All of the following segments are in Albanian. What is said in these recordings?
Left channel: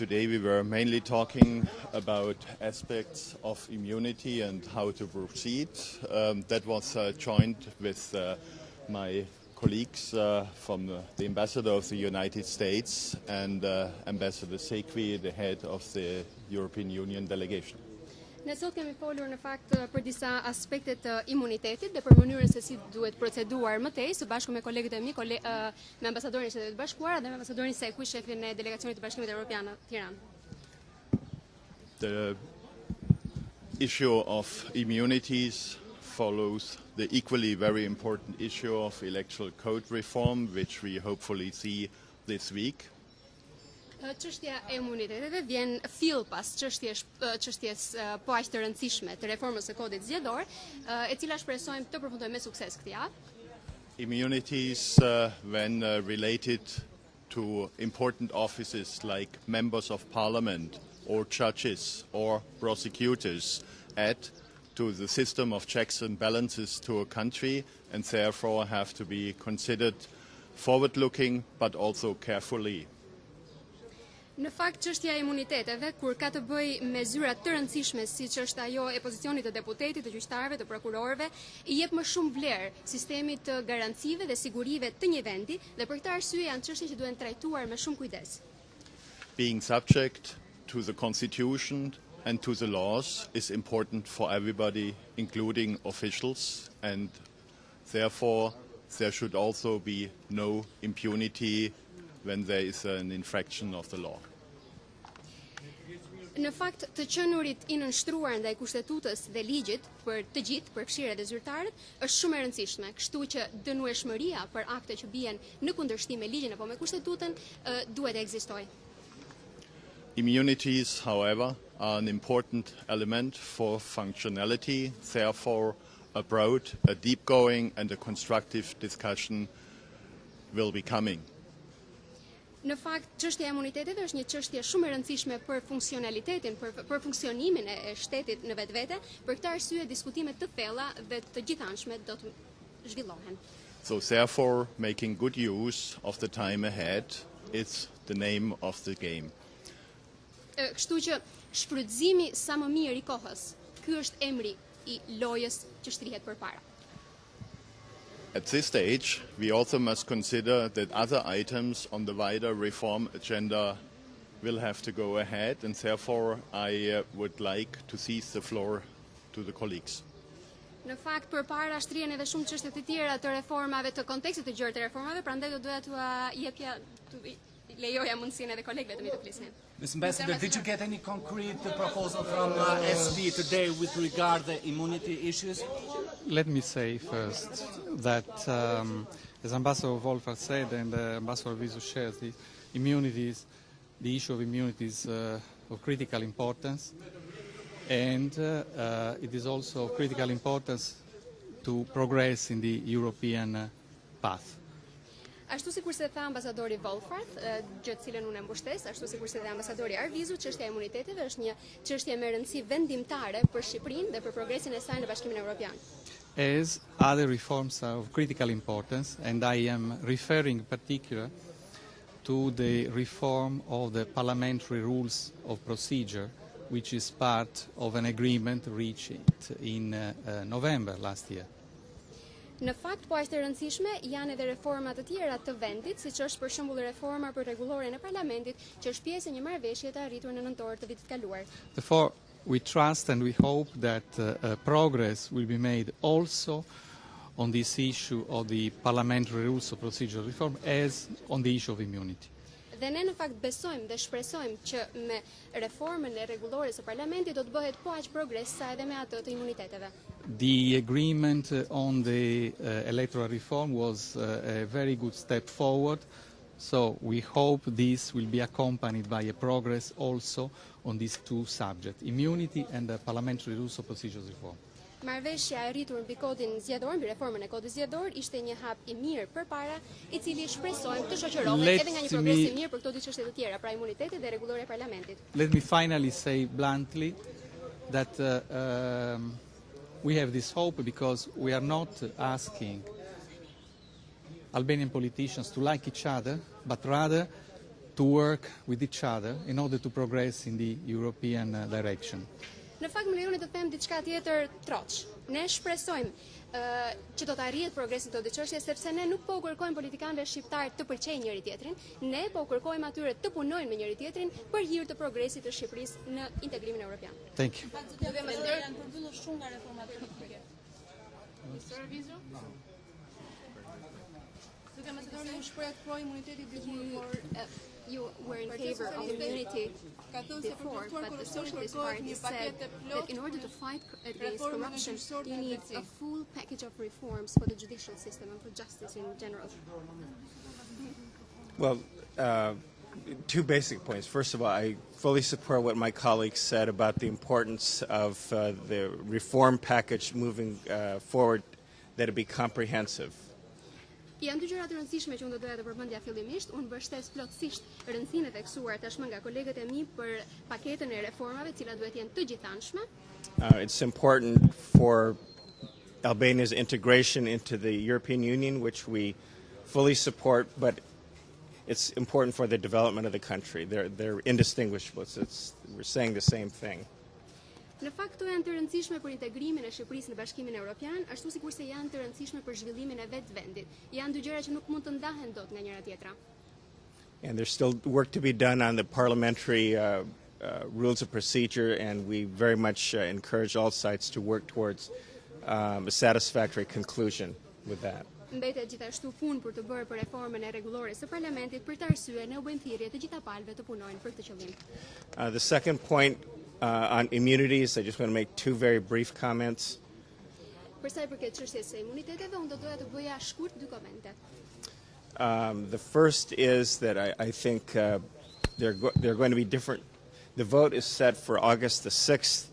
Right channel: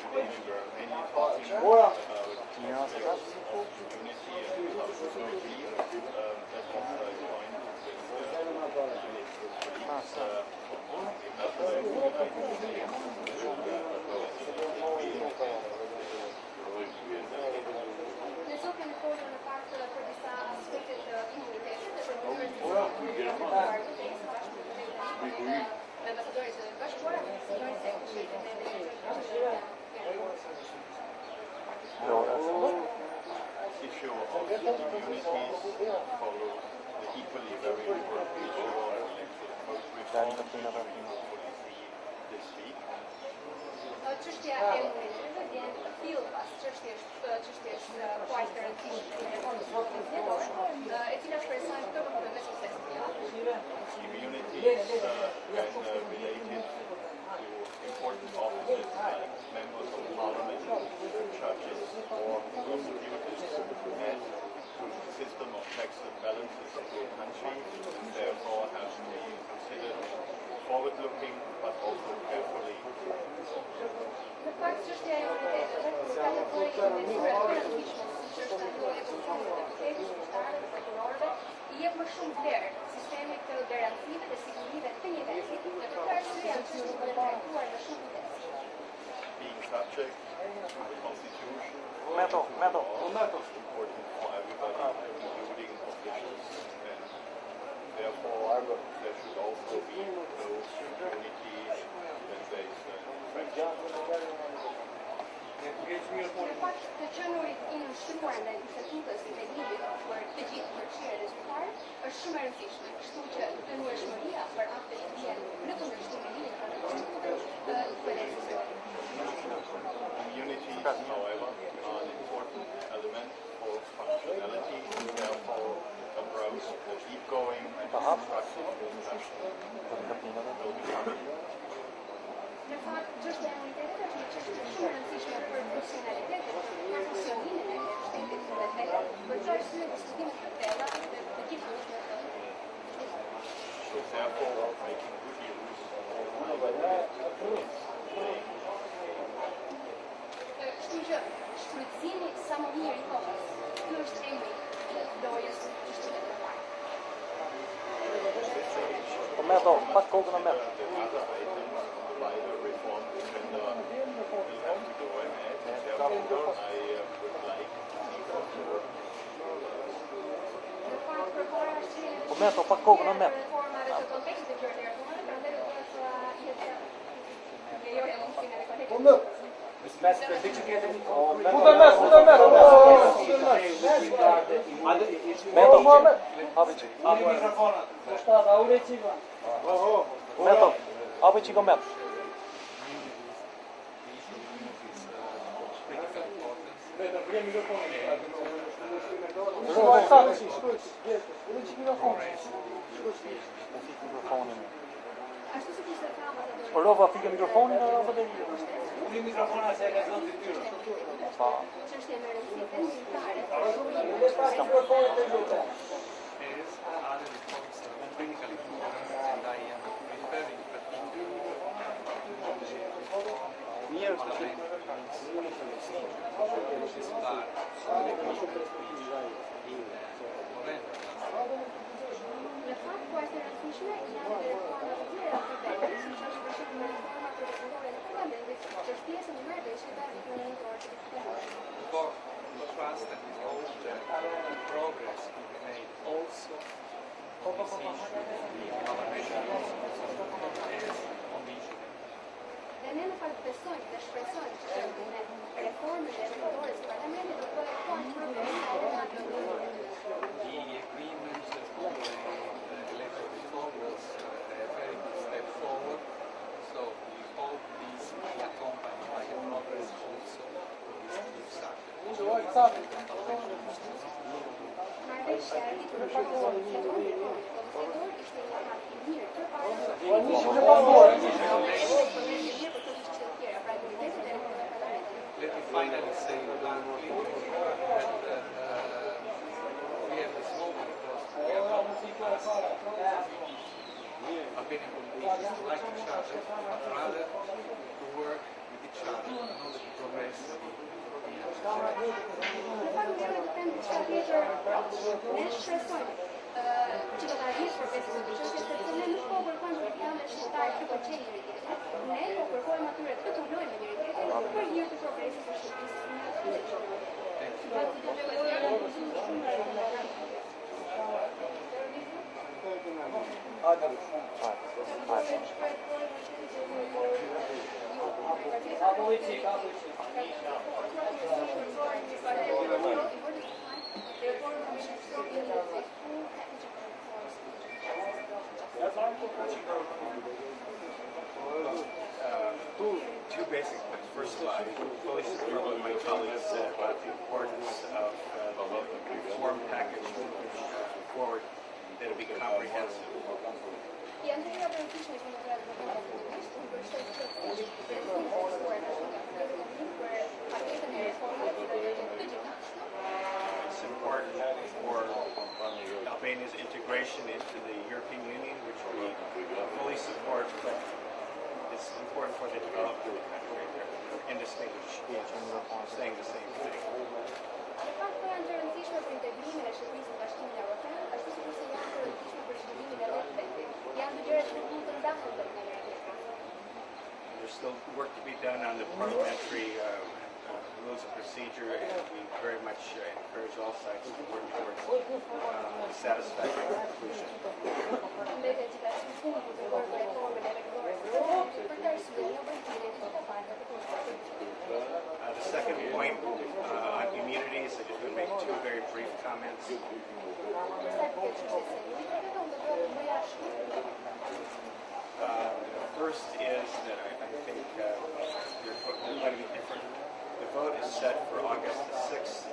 today we were mainly talking about aspects of immunity and how to proceed. That was joined with my colleagues from the Ambassador of the United States and Ambassador Sequi, the head of the European Union delegation. Ne sot kemi folur në fakt për disa aspekte të imunitetit dhe për mënyrën se si duhet proceduar më tej së bashku me kolegët e mi, me ambasadorin e Shtetit Bashkuar dhe me ambasadorin Sequi, shefin e delegacionit të Bashkimit Europian Ettore Sequi. The issue of immunities follows the equally very important issue of electoral code reform, which we hopefully see this week. Çështja e imuniteteve vjen fill pas çështjes po aq të rëndësishme të reformës së kodit zgjedhor, e cila shpresojmë të përfundojë me sukses këtë javë. Immunities, when related to important offices like members of parliament or judges or prosecutors, add to the system of checks and balances to a country and therefore have to be considered forward-looking but also carefully. Në fakt, çështja e imuniteteve, kur ka të bëjë me zyra të rëndësishme siç është ajo e pozicionit të deputetit, të gjyqtarëve, të prokurorëve, I jep më shumë vlerë sistemit të garancive dhe sigurive të një vendi dhe për këtë arsye janë çështje që duhen trajtuar me shumë kujdes. Being subject to the constitution and to the laws is important for everybody, including officials, and therefore there should also be no impunity when there is an infraction of the law. Në fakt, të qenurit I nënshtruar ndaj kushtetutës dhe ligjit për të gjithë, për këshillet e zyrtarëve, është shumë e rëndësishme, kështu që dënueshmëria për akte që bien në kundërshtim me ligjin apo me kushtetutën duhet të ekzistojë. Immunities, however, are an important element for functionality, therefore abroad a deep-going and a constructive discussion will be coming. Në fakt, çështja e imuniteteve është një çështje shumë e rëndësishme për funksionalitetin, për funksionimin e shtetit në vetvete, për këtë arsye diskutime të thella dhe të gjithanshme do të zhvillohen. So therefore, making good use of the time ahead is the name of the game. Kështu që shfrytëzimi sa më mirë I kohës, ky është emri I lojës që shtrihet përpara. At this stage, we also must consider that other items on the wider reform agenda will have to go ahead, and therefore I would like to seize the floor to the colleagues. Në fakt, përpara shtrihen edhe shumë çështje të tjera të reformave, të kontekstit të gjerë të reformave, prandaj do duhet t'u lejoja mundësinë edhe kolegëve të flisin. Mr. Ambassador, did you get any concrete proposal from OSBE today with regard to immunity issues? Let me say first that, as Ambassador Wollfarth said, and Ambassador Arvizu shares, the issue of immunities of critical importance, and it is also of critical importance to progress in the European path. Ashtu si kurse tha ambasadori Wollfarth, cilën në mbështes, ashtu si kurse tha ambasadori Arvizu, çështja e imuniteteve është një çështje me rëndësi vendimtare për Shqipërinë dhe për progresin e saj në Bashkimin Europian. As other reforms are of critical importance, and I am referring particular to the reform of the parliamentary rules of procedure, which is part of an agreement reached in November last year. Në fakt, po është e rëndësishme janë edhe reforma të tjera të vendit, siç është për shembull reforma për rregullorin e parlamentit, që është pjesë e një marrëveshje të arritur në nëntor të vitit kaluar. Therefore, we trust and we hope that progress will be made also on this issue of the parliamentary rules of procedure reform as on the issue of immunity. Dhe ne në fakt besojmë dhe shpresojmë që me reformën e rregullores së parlamentit do të bëhet po aq progres sa edhe me atë të imuniteteve. The agreement on the electoral reform was a very good step forward, so we hope this will be accompanied by a progress also on these two subjects, immunity and the parliamentary rules of procedure reform. Marrëveshja e arritur mbi kodin zgjedhor, mbi reformën e kodit zgjedhor, ishte një hap I mirë përpara, I cili shpresoj të shoqërohet edhe një progres I mirë për këto dy çështje të tjera, pra imunitetin dhe rregulloria e parlamentit. Let me finally say bluntly that we have this hope because we are not asking Albanian politicians to like each other, but rather to work with each other in order to progress in the European direction. Në fakt më lejoni të them diçka tjetër troç. Ne shpresojmë që do të arrihet progresi këtë çështje sepse ne nuk po kërkojmë politikanëve shqiptar të pëlqejnë njëri-tjetrin, ne po kërkojmë atyre të punojnë me njëri-tjetrin për hir të progresit të Shqipërisë në integrimin evropian. Thank you. The Socialist Party said that in order to fight against corruption, it needs a full package of reforms for the judicial system and for justice in general. Well, two basic points. First of all, I fully support what my colleagues said about the importance of the reform package moving forward, that it be comprehensive. Janë dy gjëra të rëndësishme që unë do doja të përmendja fillimisht. Unë mbështes plotësisht rëndësinë e tekstuar tashmë nga kolegët e mi për paketën e reformave, të cilat duhet të jenë të gjithanshme. It's important for Albania's integration into the European Union, which we fully support, but it's important for the development of the country. They're indistinguishable. We're saying the same thing. Në fakt këto janë të rëndësishme për integrimin e Shqipërisë në Bashkimin Evropian, ashtu sikurse janë të rëndësishme për zhvillimin e vetë vendit. Janë dy gjëra që nuk mund të ndahen dot nga njëra tjetra. And there's still work to be done on the parliamentary rules of procedure, and we very much encourage all sides to work towards a satisfactory conclusion. Mbetet gjithashtu punë për të bërë për reformën e rregullores së parlamentit për të arsye në vëndhirje të gjitha palëve të punojnë për të qëllim. The second point on immunities, I just want to make two very brief comments. Për sa i përket çështjes së imuniteteve, unë do doja të bëja shkurt dy komente. The first is that I think they're going to be different. The vote is set for August the 6th.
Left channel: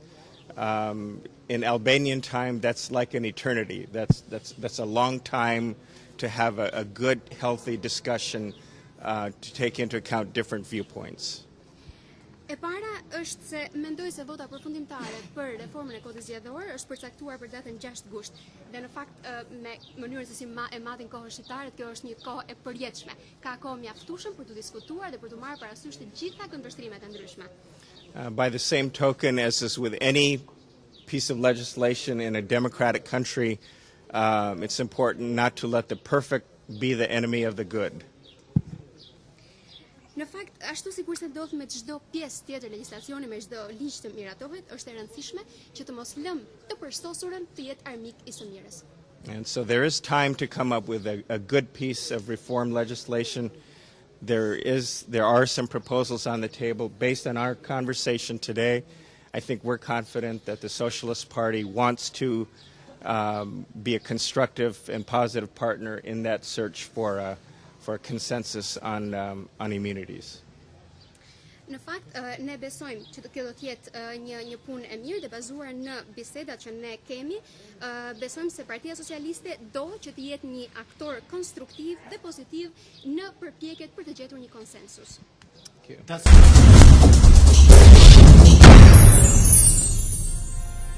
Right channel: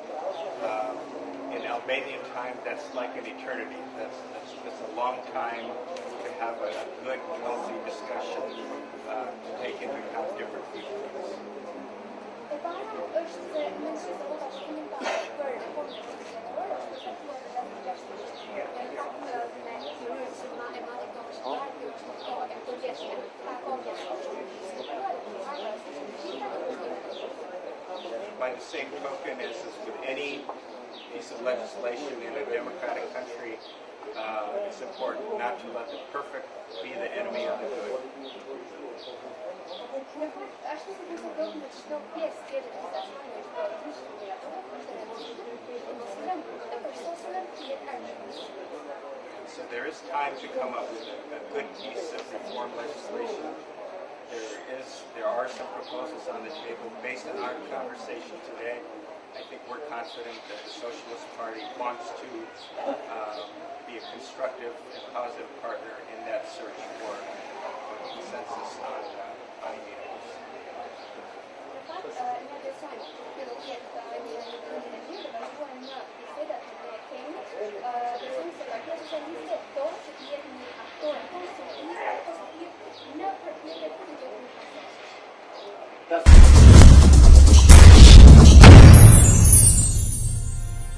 In Albanian time, that's like an eternity. That's a long time to have a good, healthy discussion to take into account different viewpoints. E para është se mendoj se vota përfundimtare për reformën e Konstitucionit është përcaktuar për datën 6 gusht. Dhe në fakt me mënyrë se si e marrin kohën shqiptare, kjo është një kohë e përjetshme. Ka kohë mjaftueshme për të diskutuar dhe për të marrë parasysh të gjitha kundërshtrimet e ndryshme. By the same token, as is with any piece of legislation in a democratic country, it's important not to let the perfect be the enemy of the good. Në fakt, ashtu sikurse ndodh me çdo pjesë tjetër të legjislacionit, me çdo ligj të miratohet, është e rëndësishme që të mos lëmë të përshtosurën të jetë armik i së mirës. And so there is time to come up with a good piece of reform legislation. There are some proposals on the table based on our conversation today. I think we're confident that the Socialist Party wants to be a constructive and positive partner in that search for a consensus on immunities. Në fakt, ne besojmë që kjo do të jetë një punë e mirë dhe bazuar në bisedat që ne kemi. Besojmë se Partia Socialiste do që të jetë një aktor konstruktiv dhe pozitiv në përpjekjet për të gjetur një konsensus.